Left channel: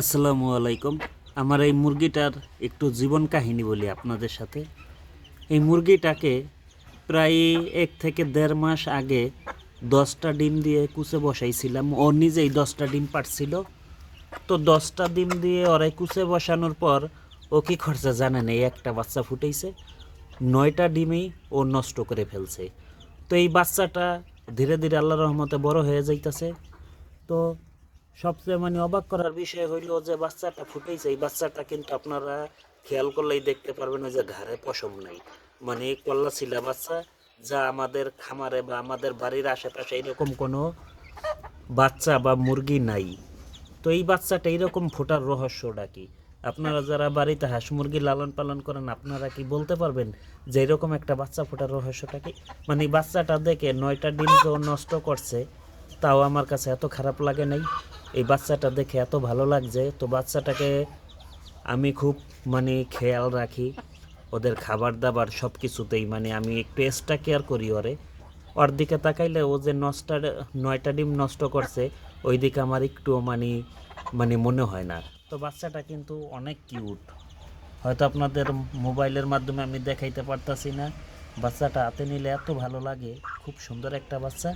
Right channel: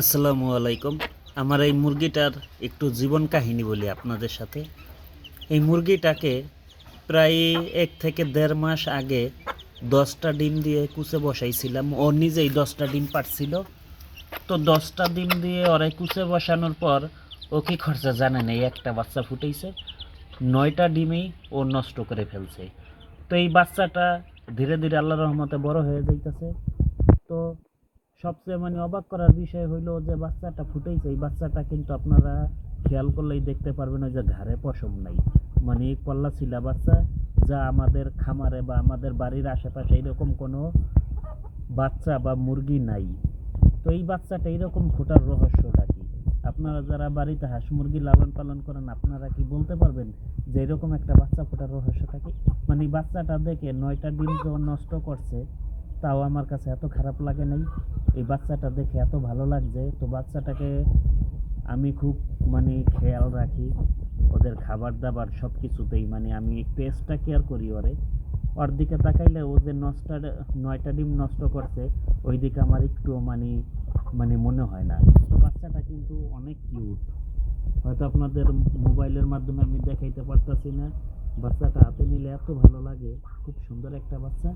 আসসালামু আলাইকুম। আমার এই মুরগিটার একটু জীবন কাহিনী বলি আপনাদের সাথে। এই মুরগিটাকে প্রায় 1 থেকে দেড় মাস আগে 10টা ডিম দিয়ে কুচে বসাইছিলাম। ও নিজেই 10টা ডিম পাড়ছিল। তো 10টা ডিম দিয়ে ওরে কুচে বসানোর পর ও কী খরচা জানেন, এই একটা বাচ্চা ফুটেছে, 9টা ডিমেই ও নষ্ট করে ফেলছে। তো এই বাচ্চাটা ধীরে ধীরে আল্লাহর রহমতে বড় হয়ে যাইতেছে। তো সবচেয়ে অবাক করার বিষয় হইল যে বাচ্চাটা ফুটেছে, এই বাচ্চাটা কিন্তু আপনারা খেয়াল করলেই দেখতে পারবেন ওই যে ঘাড়ে পশম নাই, কল্লা ছিলা বাচ্চা, যা আমাদের খামারে বা আমাদের বাড়ির আশেপাশে এইরকম কোনো বাচ্চা বা মুরগি নাই। তো এই বাচ্চাটা এইরকম ফোটার রহস্যটা কি? আপনারা যারা বাড়িতে হাঁস মুরগি লালন পালন করেন, আপনারা কি বলতে পারবেন যে এরকম একটা বাচ্চা ফোটার রহস্যটা কি? বাচ্চাটা দেখে 9টা ডিম তো নষ্ট করছে, তাও আমার কাছে এত খারাপ লাগে নাই। এই বাচ্চাটা দেখে এত ভালো লাগছে। তো বাচ্চাটাকে আমি খুব খেয়াল রাখি, ওদের খাবার দাবার সব কিছুতেই আমি একটু এক্সট্রা কেয়ার করি ওরে। ওর দিকে তাকাইলে ও যে 9টা ডিম নষ্ট করছে, ওই দিকে আমার একটুও মনে হয় না। তো বাচ্চাটা কিন্তু অনেক কিউট। হয়তো আপনাদের মোবাইলের মাধ্যমে আমি দেখাইতে পারতাছি না। বাচ্চাটা হাতে নিলে এত ভালো লাগে, খুব সুন্দর একটা বাচ্চা।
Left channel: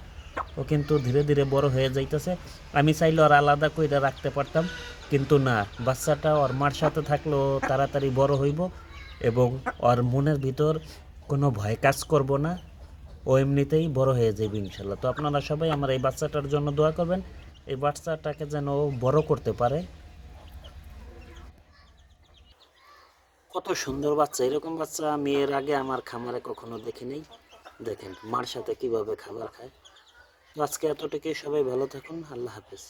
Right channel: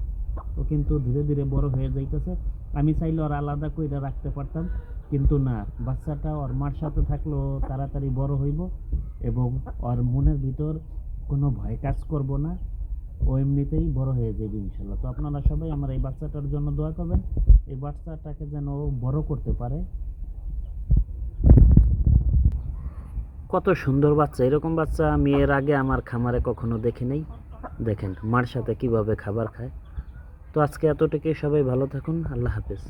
ও কিন্তু ধীরে ধীরে বড় হয়ে যাইতেছে। আমি চাইলে ওর আলাদা করে রাখতে পারতাম, কিন্তু না, বাচ্চাটা ওর মার সাথে থাকলেও তাড়াতাড়ি বড় হইব এবং ওর মনের ভিতর কোনো ভয় কাজ করব না। ও এমনিতেই বড় হয়ে যাবে ইনশাল্লাহ। তো আপনারা সবাই আমার এই বাচ্চাটার জন্য দোয়া করবেন, এই বাচ্চাটাকে যেন ও বড় করতে পারে। কত সুন্দর বাচ্চা! এরকম বাচ্চা আমি এর আগে আমার খামারে কখনো দেখি নাই। দেখেন মার সাথে কিভাবে খাবার খায়। তো আজকে এতটুকুই, সবাই ভালো থাকুন, আল্লাহ হাফেজ।